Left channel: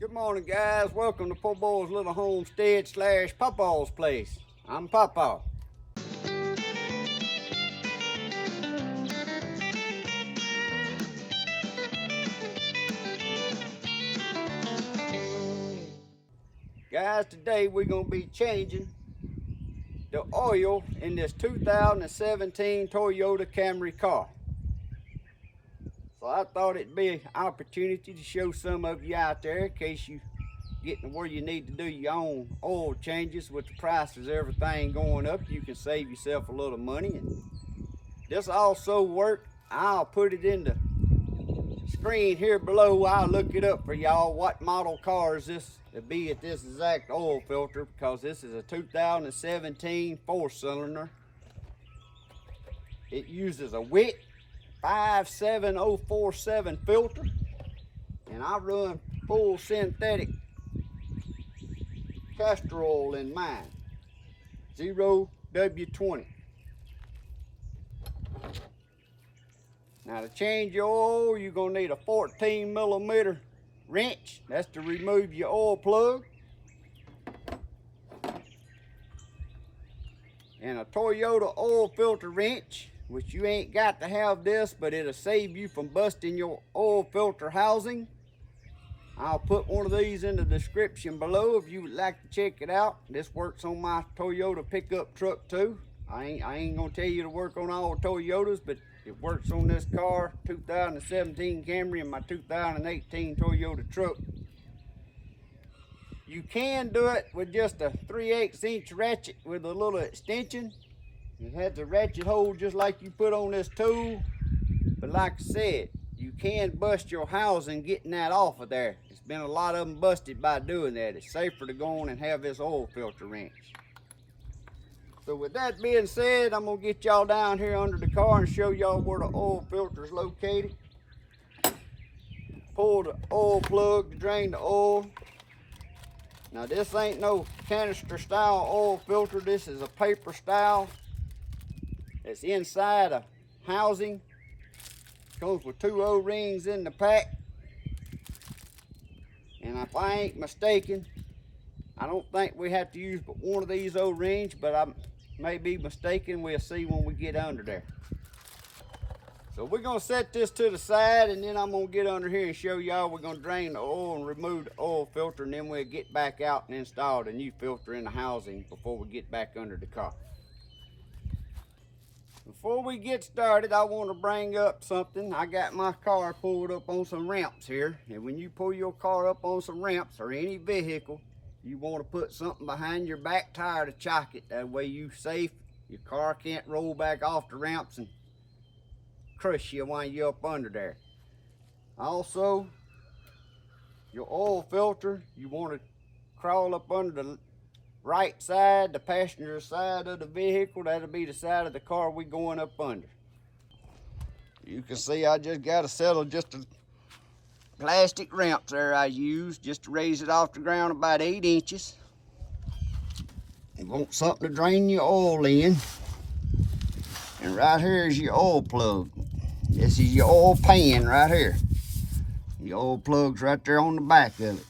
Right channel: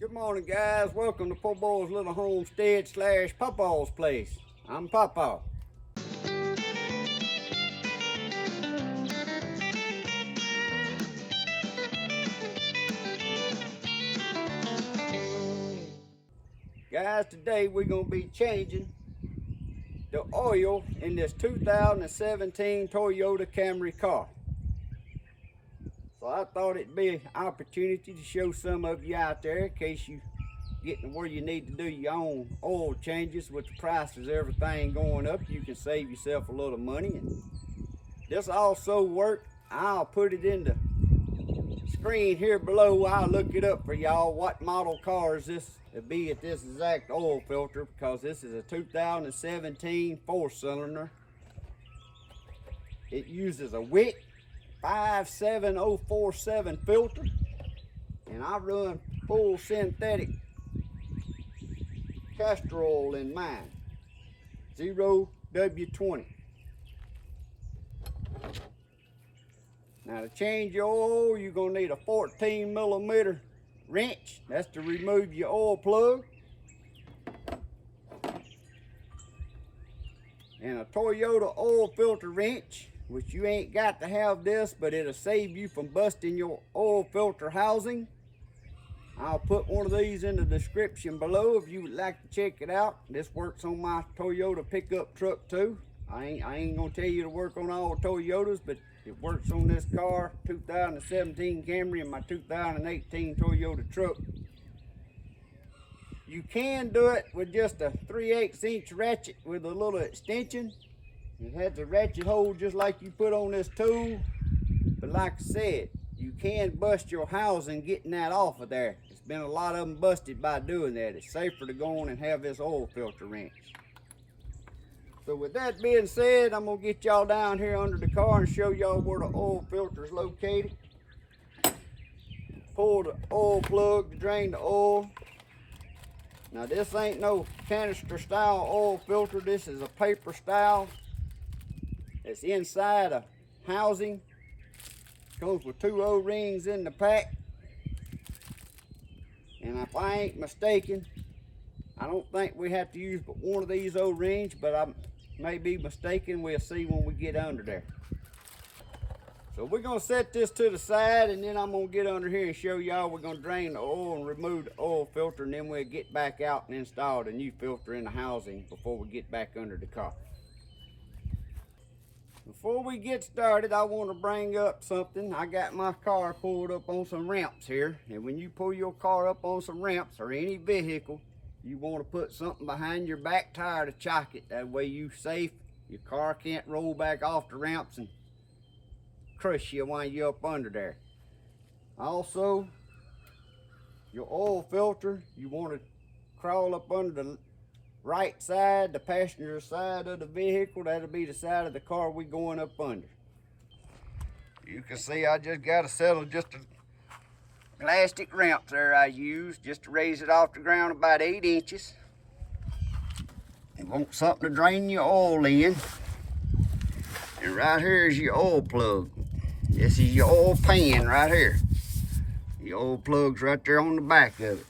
Good morning, guys. Welcome to Poor Boy's Little Homestead / Pawpaw's Place. I'm Pawpaw. Guys, today we're going to be changing the oil in this 2017 Toyota Camry car. So I thought it'd be an opportunity to show some of you out there in case you getting where you need to do your own oil changes. With the prices of everything going up, you can save yourself a little money. And this also work. I'll put it in the screen here below. I'll look it up for y'all what model cars this would be at this exact oil filter, because this is a 2017 4-cylinder. It uses a Wick 57047 filter, and I run full synthetic Castrol in mine, 0W20. Now to change your oil, you're gonna need a 14mm wrench. That's to remove your oil plug. And a Toyota oil filter wrench, which you ain't got to have this, but it'll save you from busting your oil filter housing. I'll put one of these in the description below if you would like to check it out. This works on my Toyota pickup truck too. I ain't gonna tell you to work on all Toyotas, but it works on this car, 2017 Camry, and my 2018 Toyota truck. You can do it with just a 3/8 inch ratchet with a little extension. It has a ratchet hole just like you put on this tool. But like I said, you can bust your housing getting that off of there. It's been a lot of them busted by doing that. It's safer to go on and have this oil filter wrench. So with that being said, I'm gonna get y'all down here under the car and show y'all where the oil filter is located. Pull the oil plug to drain the oil. Now this ain't no canister style oil filter. This is a paper style. It's inside a housing. Comes with 2 O-rings in the pack. And if I ain't mistaken, I don't think we have to use but one of these O-rings, but I may be mistaken. We'll see when we get under there. So we're gonna set this to the side, and then I'm gonna get under here and show y'all. We're gonna drain the oil and remove the oil filter, and then we'll get back out and install the new filter in the housing before we get back under the car. Before we get started, I want to bring up something. I got my car pulled up on some ramps here, and when you pull your car up on some ramps or any vehicle, you want to put something behind your back tire to chock it. That way you safe. Your car can't roll back off the ramps and crush you while you're up under there. Also, your oil filter, you want to crawl up under the right side, the passenger side of the vehicle. That'll be the side of the car we going up under. You can see I just got to settle just a plastic ramps there I used just to raise it off the ground about 8 inches. You want something to drain your oil in. And right here is your oil plug. This is your oil pan right here. The oil plug's right there on the back of it.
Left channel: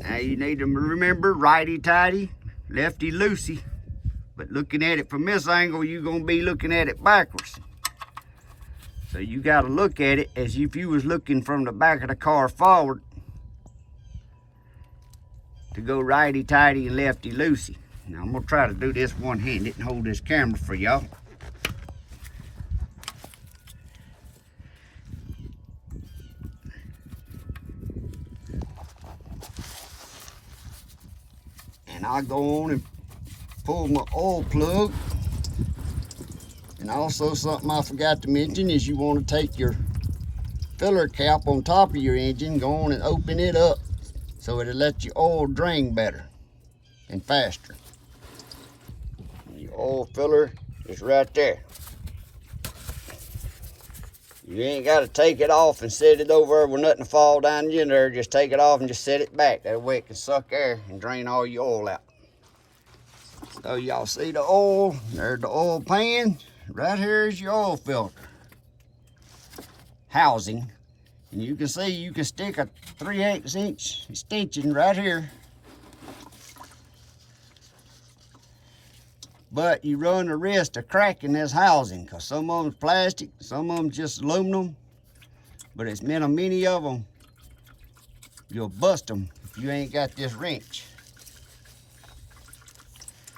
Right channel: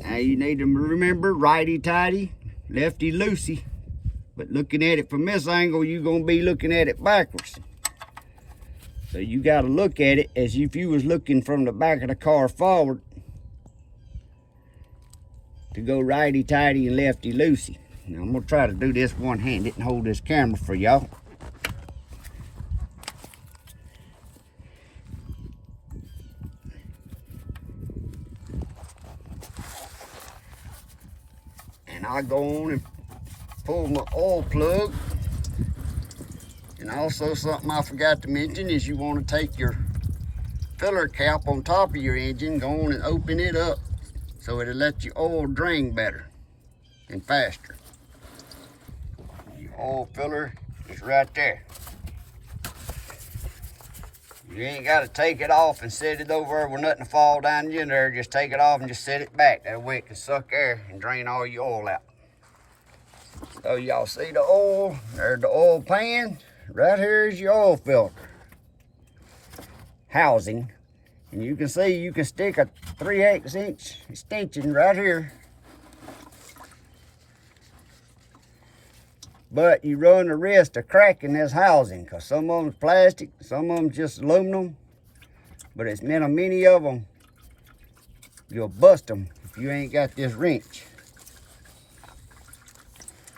Now you need to remember, righty-tighty, lefty-loosey. But looking at it from this angle, you're gonna be looking at it backwards. So you gotta look at it as if you was looking from the back of the car forward to go righty-tighty and lefty-loosey. Now I'm gonna try to do this one-handed and hold this camera for y'all. And I go on and pull my oil plug. And also something I forgot to mention is you want to take your filler cap on top of your engine, go on and open it up so it'll let your oil drain better and faster. Your oil filler is right there. You ain't got to take it off and set it over with nothing to fall down in there. Just take it off and just set it back. That way it can suck air and drain all your oil out. So y'all see the oil, there's the oil pan. Right here is your oil filter. housing. And you can see you can stick a 3/8 inch extension right here. But you run the risk of cracking this housing, because some of them's plastic, some of them just aluminum. But it's many of them, you'll bust them if you ain't got this wrench.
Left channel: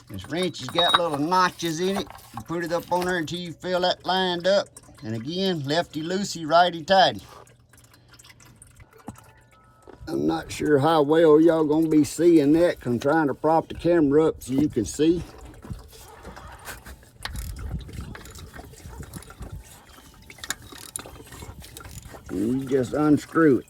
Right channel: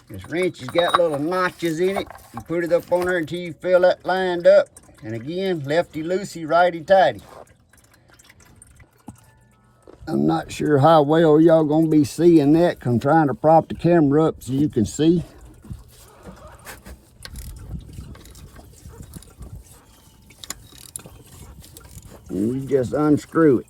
This wrench has got little notches in it. You put it up on there until you feel that lined up. And again, lefty loosey, righty tighty. I'm not sure how well y'all gonna be seeing that, 'cause I'm trying to prop the camera up so you can see. And you just unscrew it.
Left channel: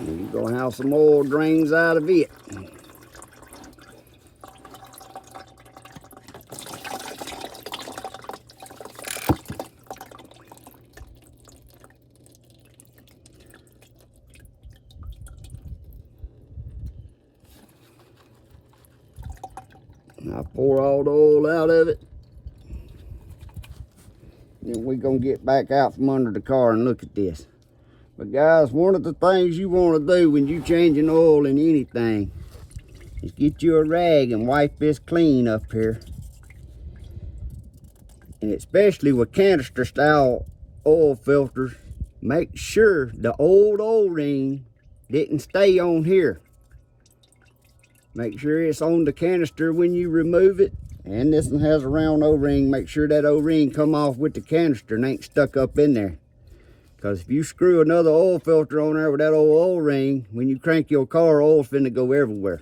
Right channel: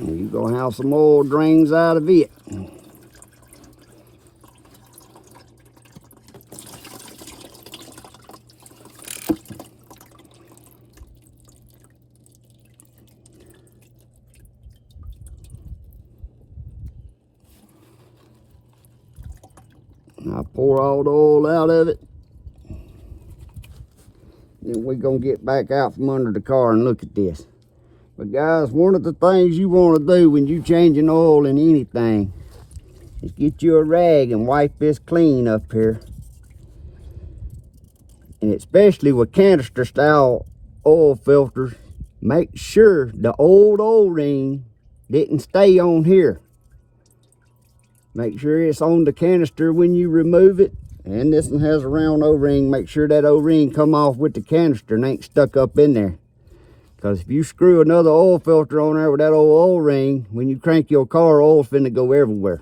And you're gonna have some oil drains out of it. I pour all the oil out of it. Then we're gonna get back out from under the car and look at this. But guys, one of the things you want to do when you changing oil in anything is get you a rag and wipe this clean up here. And especially with canister style oil filters, make sure the old O-ring didn't stay on here. Make sure it's on the canister when you remove it. And this one has a round O-ring. Make sure that O-ring come off with the canister and ain't stuck up in there. Because if you screw another oil filter on there with that old O-ring, when you crank your car, oil's finna go everywhere.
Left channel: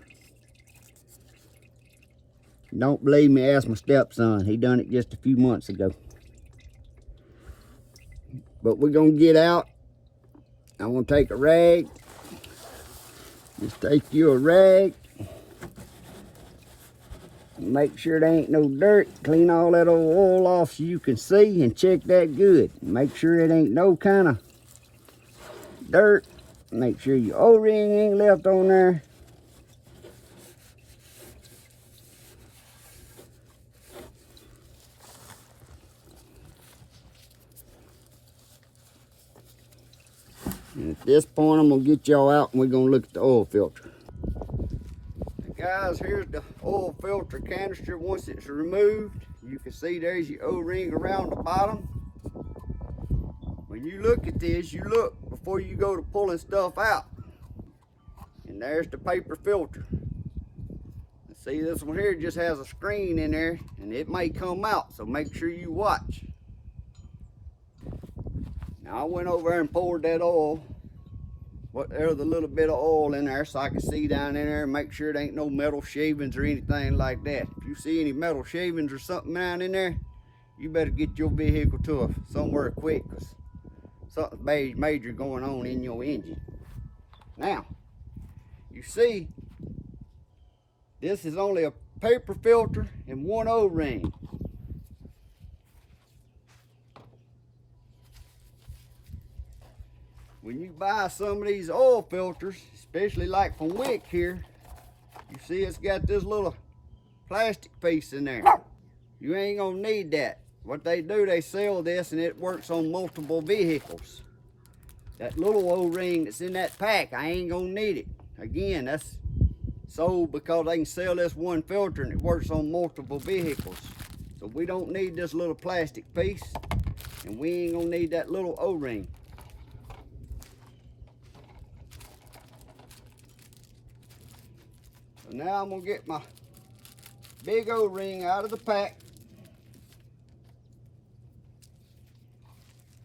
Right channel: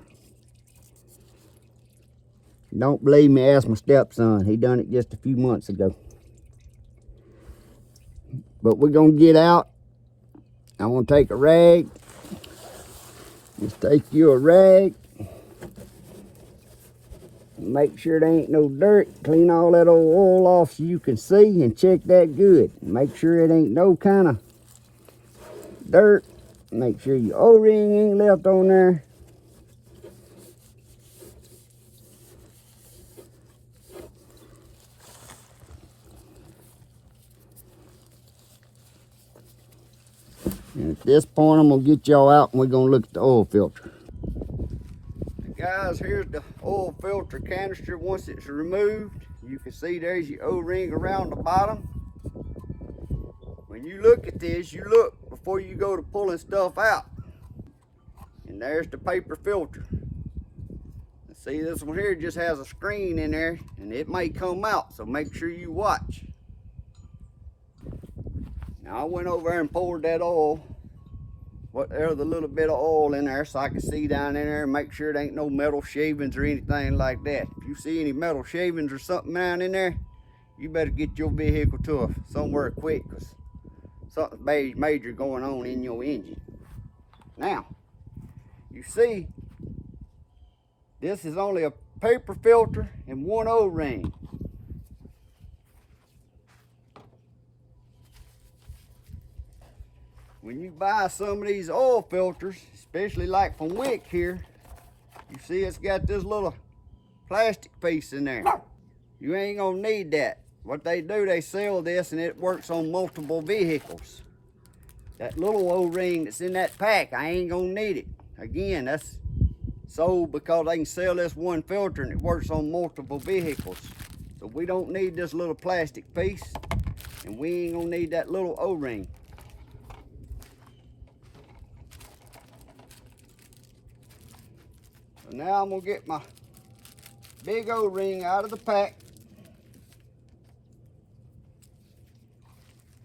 Don't believe me, ask my stepson. He done it just a few months ago. But we're gonna get out. I'm gonna take a rag. Just take you a rag. Make sure there ain't no dirt. Clean all that old oil off so you can see and check that good. Make sure it ain't no kind of dirt. Make sure your O-ring ain't left on there. And at this point, I'm gonna get y'all out and we're gonna look at the oil filter. Guys, here's the oil filter canister. Once it's removed, you can see there's your O-ring around the bottom. When you look at this, you look before you go to pulling stuff out. And there's the paper filter. See, this one here just has a screen in there and it may come out, so make sure you watch. Now I went over there and poured that oil, there's a little bit of oil in there so I can see down in there and make sure there ain't no metal shavings or anything like that. If you see any metal shavings or something down in there, you better get your vehicle to somewhere quick, because something major going on in your engine. Now, you see, this is only a paper filter and one O-ring. When you buy some of these oil filters, especially like from Wick here, you see it's got this little plastic piece in there. You ain't gonna need that. What they do, they sell this and it works on multiple vehicles. That little O-ring that's in that pack, I ain't gonna need it. Again, that's sold because they can sell this one filter and it works on multiple vehicles. So we don't need this little plastic piece, and we ain't gonna need that little O-ring. So now I'm gonna get my big O-ring out of the pack.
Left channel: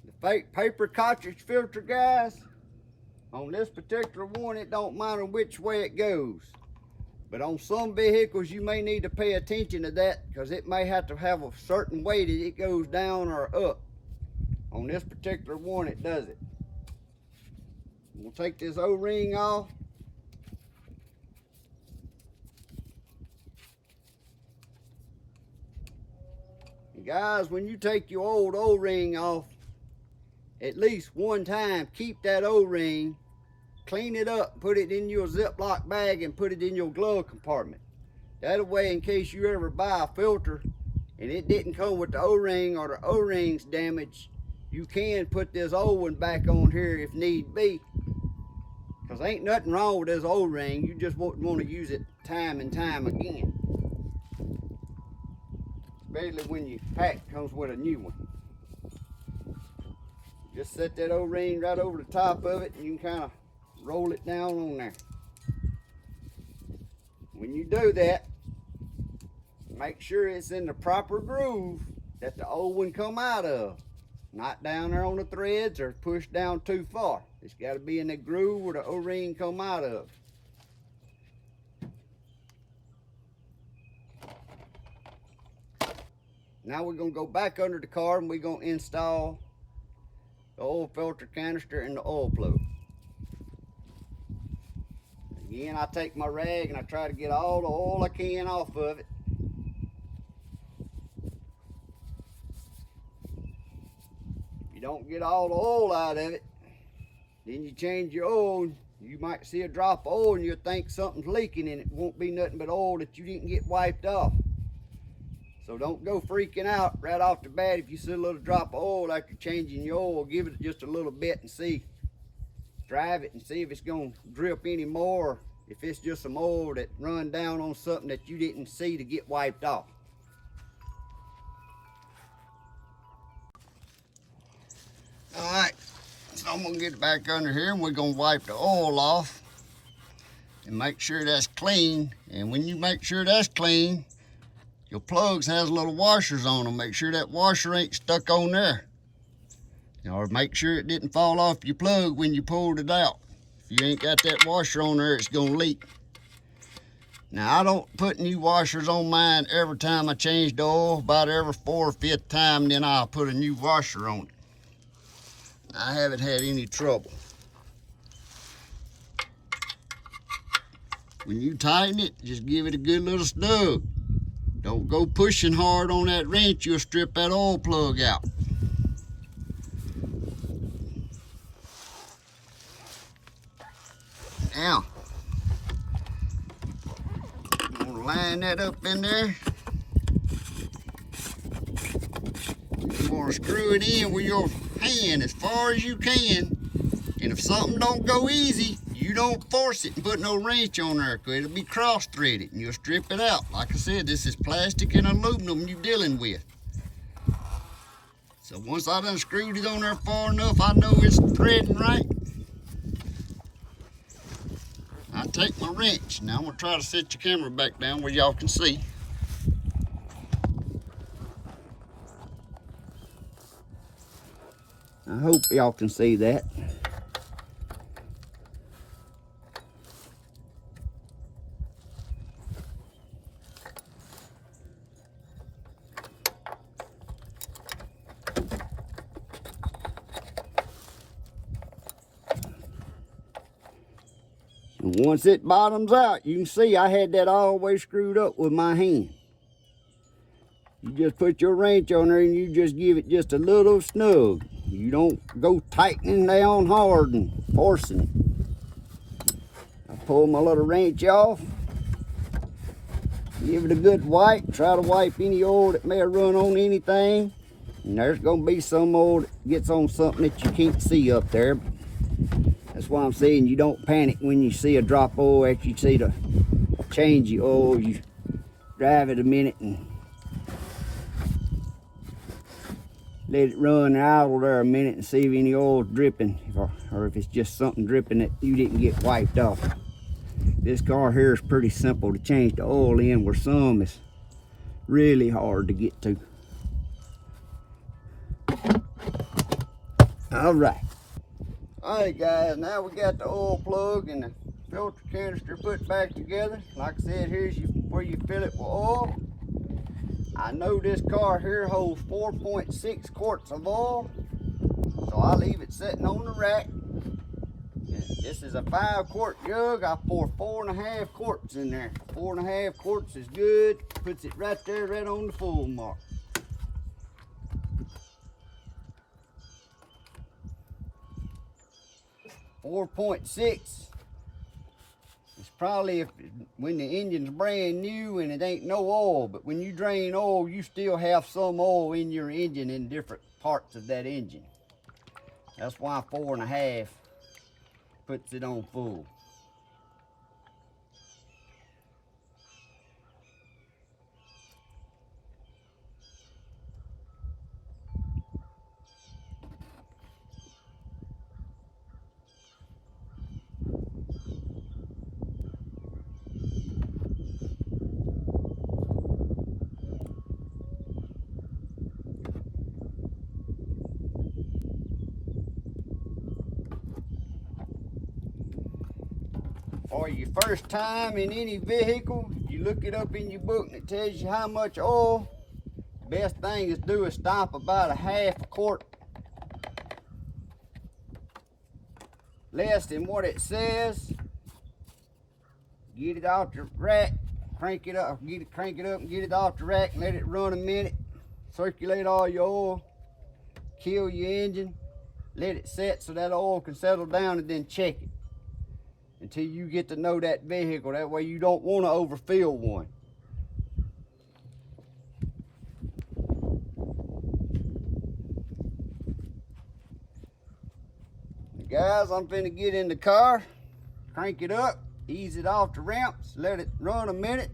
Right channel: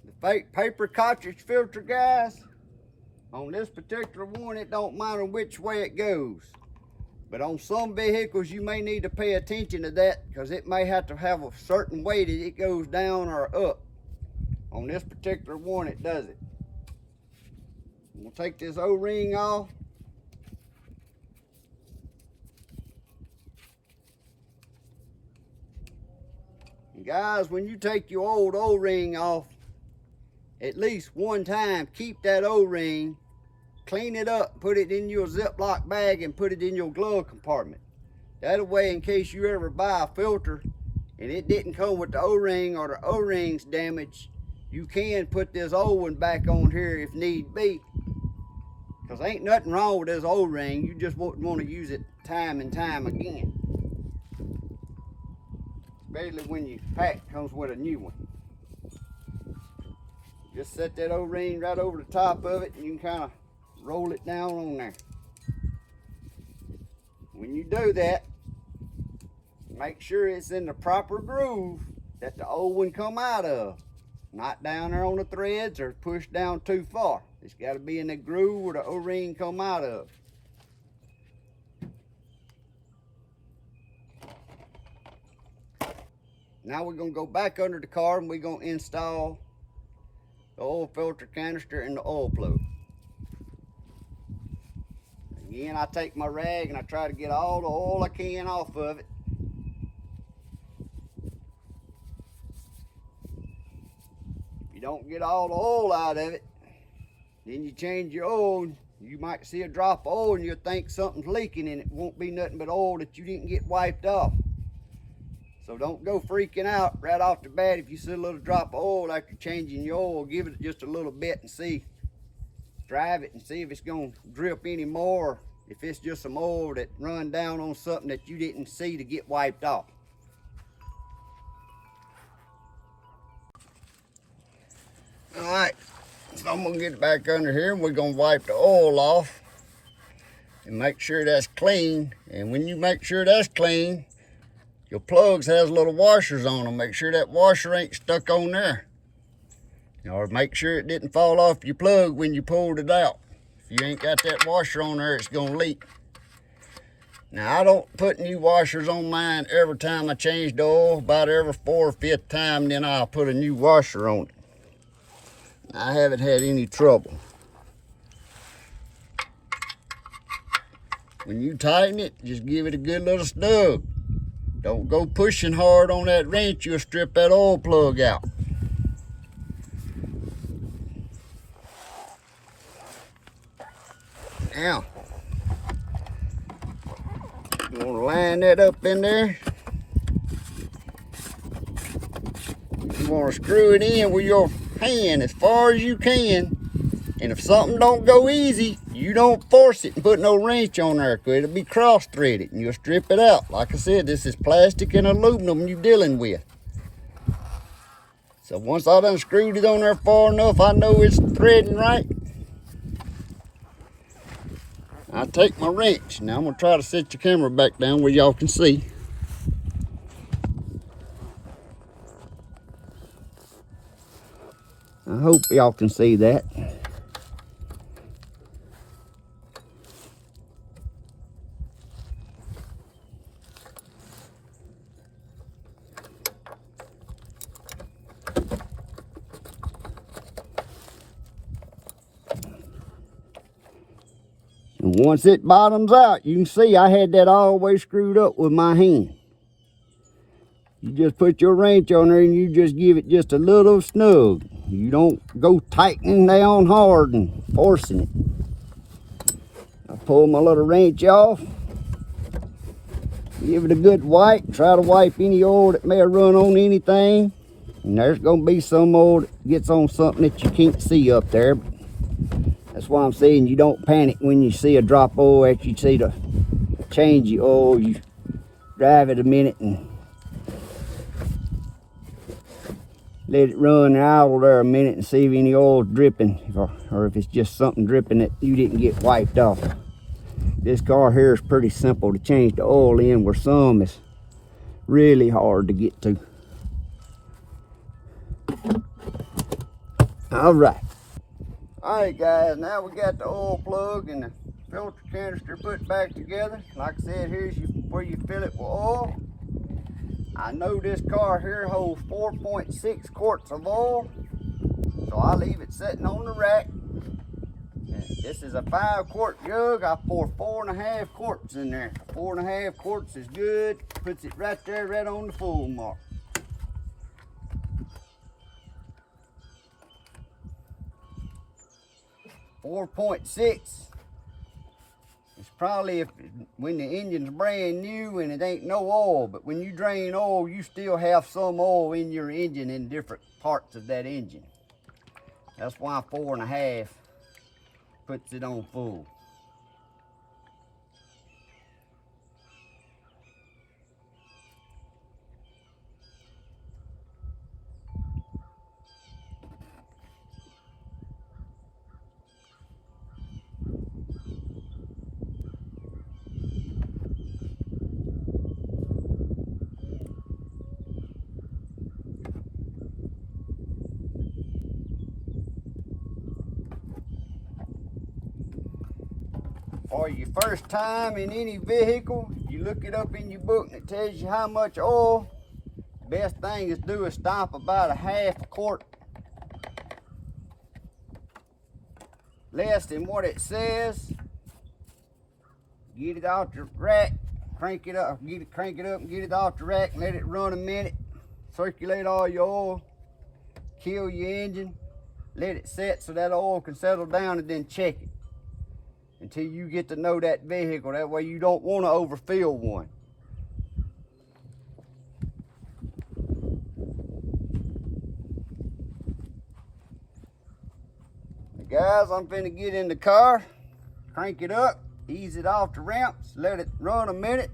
The paper cartridge filter, guys, on this particular one, it don't matter which way it goes. But on some vehicles, you may need to pay attention to that, because it may have to have a certain way that it goes down or up. On this particular one, it does it. I'm gonna take this O-ring off. And guys, when you take your old O-ring off, at least one time, keep that O-ring clean it up, put it in your Ziploc bag and put it in your glove compartment. That way, in case you ever buy a filter and it didn't come with the O-ring or the O-ring's damaged, you can put this old one back on here if need be. Because ain't nothing wrong with this O-ring, you just wouldn't want to use it time and time again. Especially when your pack comes with a new one. Just set that O-ring right over the top of it and you can kind of roll it down on there. When you do that, make sure it's in the proper groove that the old one come out of. Not down there on the threads or pushed down too far. It's got to be in the groove where the O-ring come out of. Now we're going to go back under the car and we're going to install the oil filter canister and the oil plug. Again, I take my rag and I try to get all the oil I can off of it. If you don't get all the oil out of it, then you change your oil, you might see a drop of oil and you'll think something's leaking and it won't be nothing but oil that you didn't get wiped off. So don't go freaking out right off the bat if you see a little drop of oil after changing your oil. Give it just a little bit and see. Drive it and see if it's going to drip any more. If it's just some oil that run down on something that you didn't see to get wiped off. Alright, so I'm going to get it back under here and we're going to wipe the oil off and make sure that's clean. And when you make sure that's clean, your plugs has little washers on them. Make sure that washer ain't stuck on there. Or make sure it didn't fall off your plug when you pulled it out. If you ain't got that washer on there, it's gonna leak. Now I don't put new washers on mine every time I change the oil. About every 4th or 5th time, then I'll put a new washer on it. I haven't had any trouble. When you tighten it, just give it a good little snug. Don't go pushing hard on that wrench, you'll strip that oil plug out. Now, you want to line that up in there. You want to screw it in with your hand as far as you can. And if something don't go easy, you don't force it and put no wrench on there, because it'll be cross-threaded and you'll strip it out. Like I said, this is plastic and aluminum you're dealing with. So once I done screwed it on there far enough, I know it's threading right. I take my wrench. Now I'm gonna try to set your camera back down where y'all can see. I hope y'all can see that. And once it bottoms out, you can see I had that all the way screwed up with my hand. You just put your wrench on there and you just give it just a little snug. You don't go tightening down hard and forcing it. I pull my little wrench off. Give it a good wipe. Try to wipe any oil that may have run on anything. And there's going to be some oil that gets on something that you can't see up there. That's why I'm saying you don't panic when you see a drop of oil after you see the change your oil. You drive it a minute and let it run and idle there a minute and see if any oil's dripping, or if it's just something dripping that you didn't get wiped off. This car here is pretty simple to change the oil in, where some is really hard to get to. Alright guys, now we got the oil plug and the filter canister put back together. Like I said, here's where you fill it with oil. I know this car here holds 4.6 quarts of oil, so I leave it sitting on the rack. And this is a 5-quart jug. I pour 4.5 quarts in there. 4.5 quarts is good. Puts it right there, right on the full mark. 4.6. It's probably when the engine's brand new and it ain't no oil, but when you drain oil, you still have some oil in your engine in different parts of that engine. That's why 4.5 puts it on full. For your first time in any vehicle, you look it up in your book and it tells you how much oil. The best thing is do is stop about a half a quart less than what it says. Get it off the rack, crank it up and get it off the rack and let it run a minute. Circulate all your oil, kill your engine, let it set so that oil can settle down, and then check it until you get to know that vehicle. That way you don't want to overfill one. Now guys, I'm finna get in the car, crank it up, ease it off the ramps, let it run a minute,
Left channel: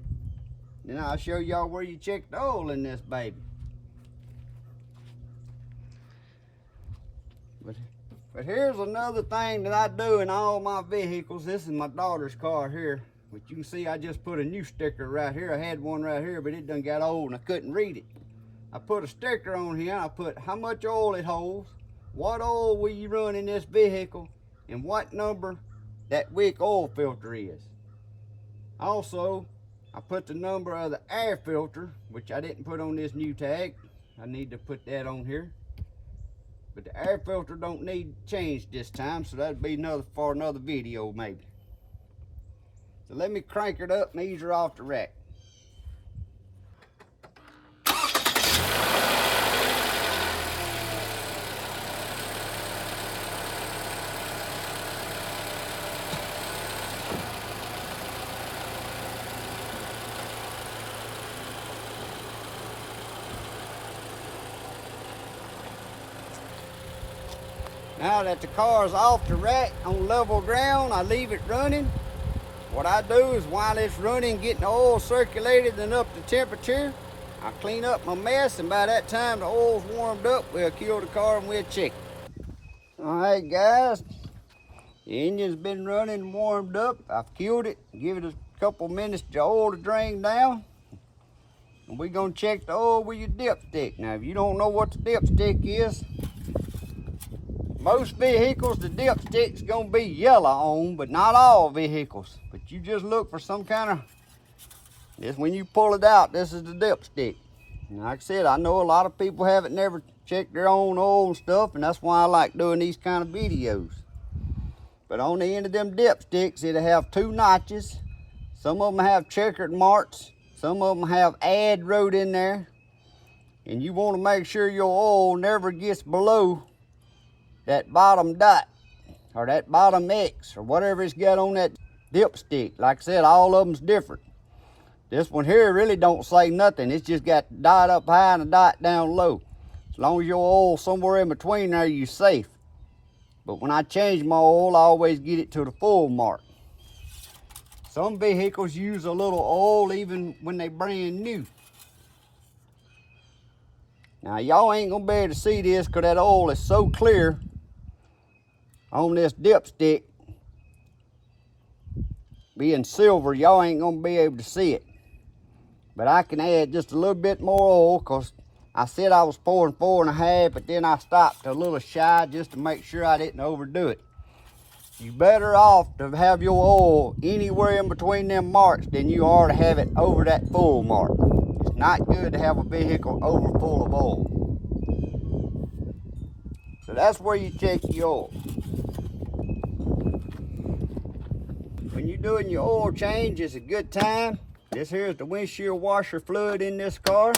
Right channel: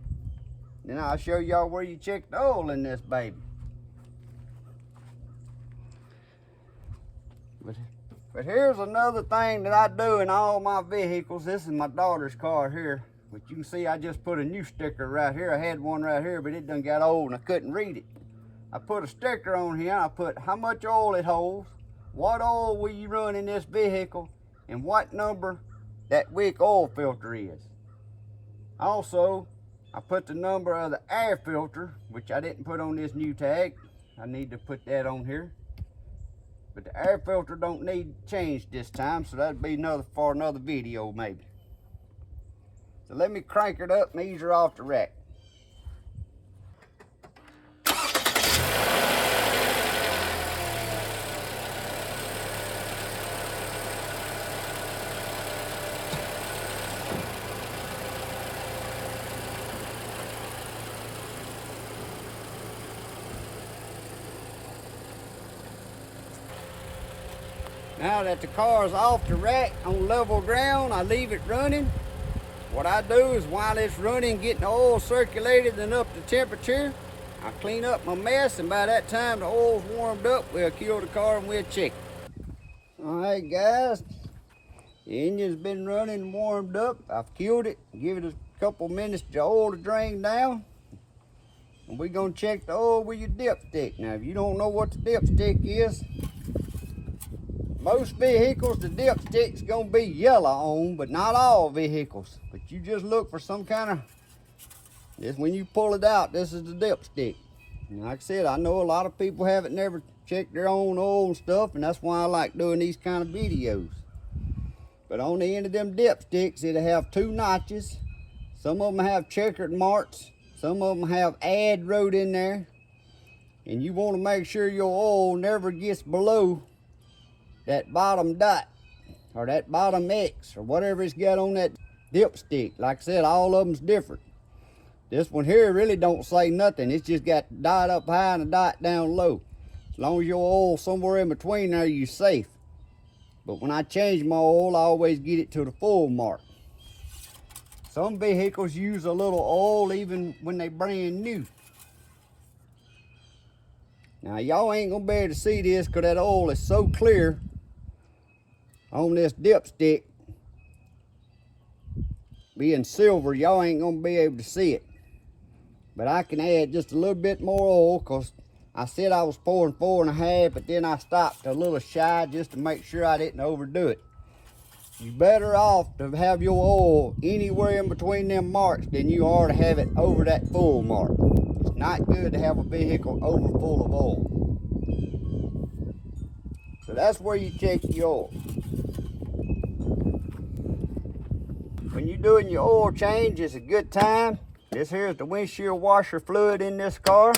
then I'll show y'all where you check the oil in this baby. But here's another thing that I do in all my vehicles. This is my daughter's car here. But you can see I just put a new sticker right here. I had one right here, but it done got old and I couldn't read it. I put a sticker on here. I put how much oil it holds, what oil will you run in this vehicle, and what number that wick oil filter is. Also, I put the number of the air filter, which I didn't put on this new tag. I need to put that on here. But the air filter don't need changed this time, so that'd be for another video maybe. So let me crank it up and ease her off the rack. Now that the car is off the rack on level ground, I leave it running. What I do is while it's running, getting the oil circulated and up to temperature, I clean up my mess, and by that time the oil's warmed up, we'll kill the car and we'll check it. All right guys, the engine's been running and warmed up. I've killed it, give it a couple minutes to oil to drain down. And we're gonna check the oil with your dipstick. Now if you don't know what the dipstick is, most vehicles, the dipstick's gonna be yellow on, but not all vehicles. But you just look for some kind of, this when you pull it out, this is the dipstick. And like I said, I know a lot of people haven't never checked their own oil and stuff, and that's why I like doing these kind of videos. But on the end of them dipsticks, it'll have 2 notches. Some of them have checkered marks. Some of them have "add" wrote in there. And you want to make sure your oil never gets below that bottom dot or that bottom X or whatever it's got on that dipstick. Like I said, all of them's different. This one here really don't say nothing. It's just got the dot up high and a dot down low. As long as your oil's somewhere in between there, you're safe. But when I change my oil, I always get it to the full mark. Some vehicles use a little oil even when they brand new. Now y'all ain't gonna be able to see this because that oil is so clear on this dipstick. Being silver, y'all ain't gonna be able to see it. But I can add just a little bit more oil because I said I was pouring 4.5, but then I stopped a little shy just to make sure I didn't overdo it. You're better off to have your oil anywhere in between them marks than you are to have it over that full mark. It's not good to have a vehicle over full of oil. So that's where you check your oil. When you're doing your oil change, it's a good time. This here is the windshield washer fluid in this car.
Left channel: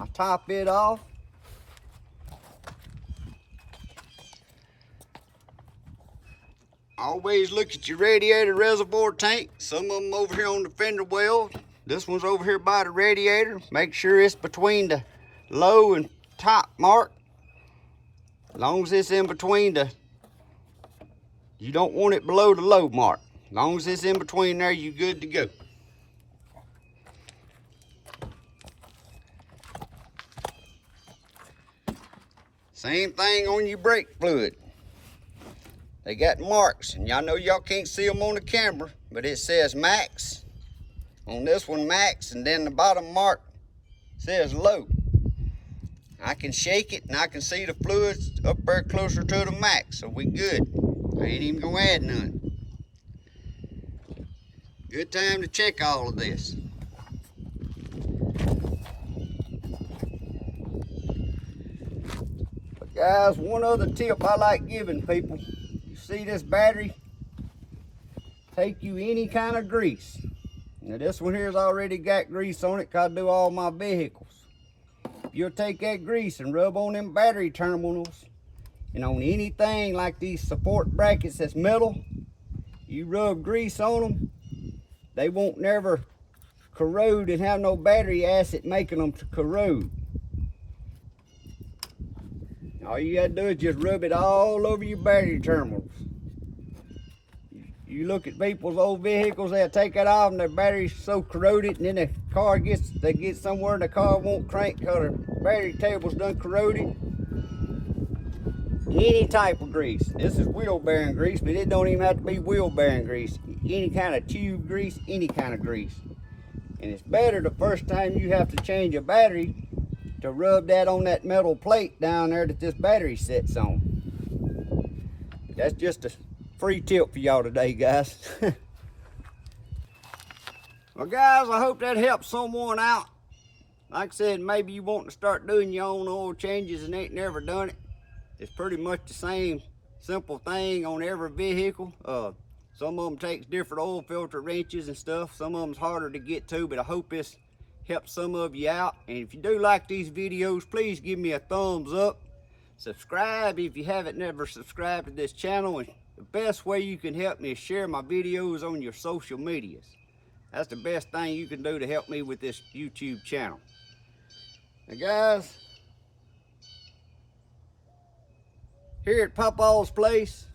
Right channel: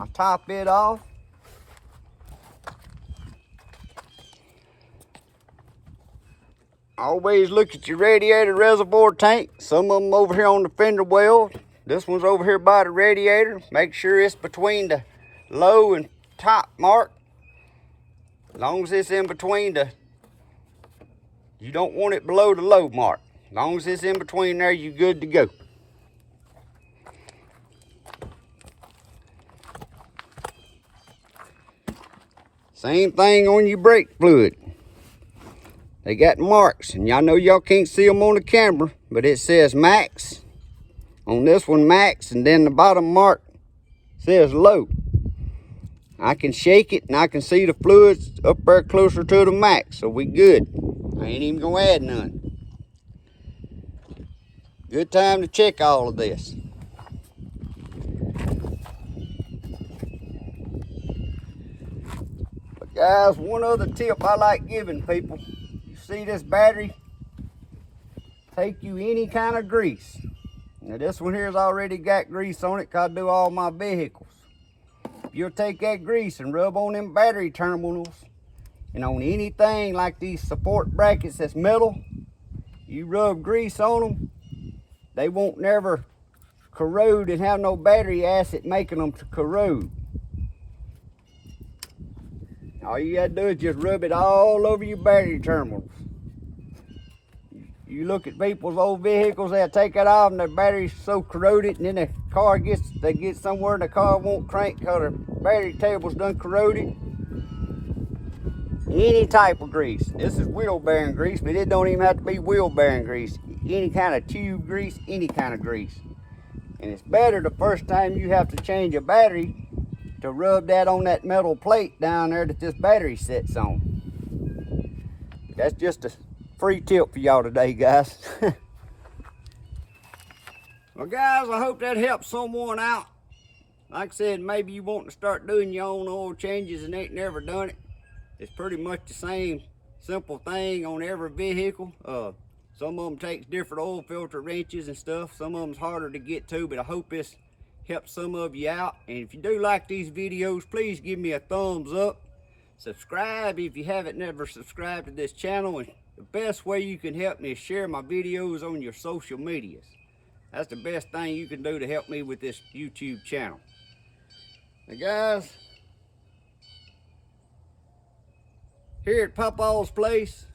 I top it off. Always look at your radiator reservoir tank. Some of them over here on the fender well. This one's over here by the radiator. Make sure it's between the low and top mark. As long as it's in between you don't want it below the low mark. As long as it's in between there, you're good to go. Same thing on your brake fluid. They got marks, and y'all know y'all can't see them on the camera, but it says max. On this one, max, and then the bottom mark says low. I can shake it, and I can see the fluids up there closer to the max, so we good. I ain't even gonna add none. Good time to check all of this. But guys, one other tip I like giving people. You see this battery? Take you any kind of grease. Now this one here's already got grease on it 'cause I do all my vehicles. You'll take that grease and rub on them battery terminals and on anything like these support brackets that's metal. You rub grease on them, they won't never corrode and have no battery acid making them to corrode. All you gotta do is just rub it all over your battery terminals. You look at people's old vehicles, they'll take it off and their battery's so corroded, and then the car they get somewhere and the car won't crank because their battery table's done corroded. Any type of grease. This is wheel bearing grease, but it don't even have to be wheel bearing grease. Any kind of tube grease, any kind of grease. And it's better the first time you have to change a battery to rub that on that metal plate down there that this battery sits on. That's just a free tip for y'all today, guys. Well, guys, I hope that helps someone out. Like I said, maybe you want to start doing your own oil changes and ain't never done it. It's pretty much the same simple thing on every vehicle. Some of them takes different oil filter wrenches and stuff. Some of them's harder to get to, but I hope this helps some of you out. And if you do like these videos, please give me a thumbs up. Subscribe if you haven't never subscribed to this channel. And the best way you can help me is share my videos on your social medias. That's the best thing you can do to help me with this YouTube channel. Now guys, here at Papa's Place,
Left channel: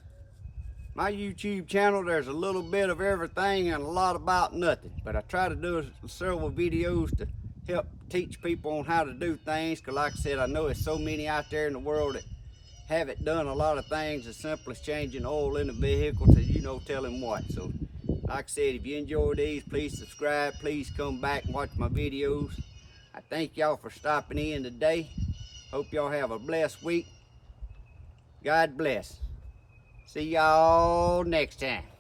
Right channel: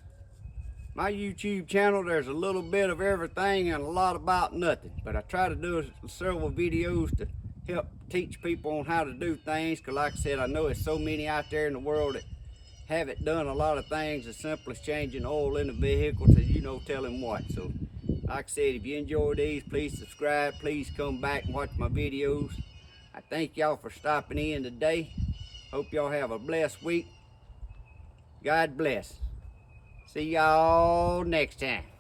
my YouTube channel, there's a little bit of everything and a lot about nothing. But I try to do several videos to help teach people on how to do things. Because like I said, I know there's so many out there in the world that haven't done a lot of things as simple as changing oil in the vehicle to, tell them what. So like I said, if you enjoy these, please subscribe. Please come back and watch my videos. I thank y'all for stopping in today. Hope y'all have a blessed week. God bless. See y'all next time.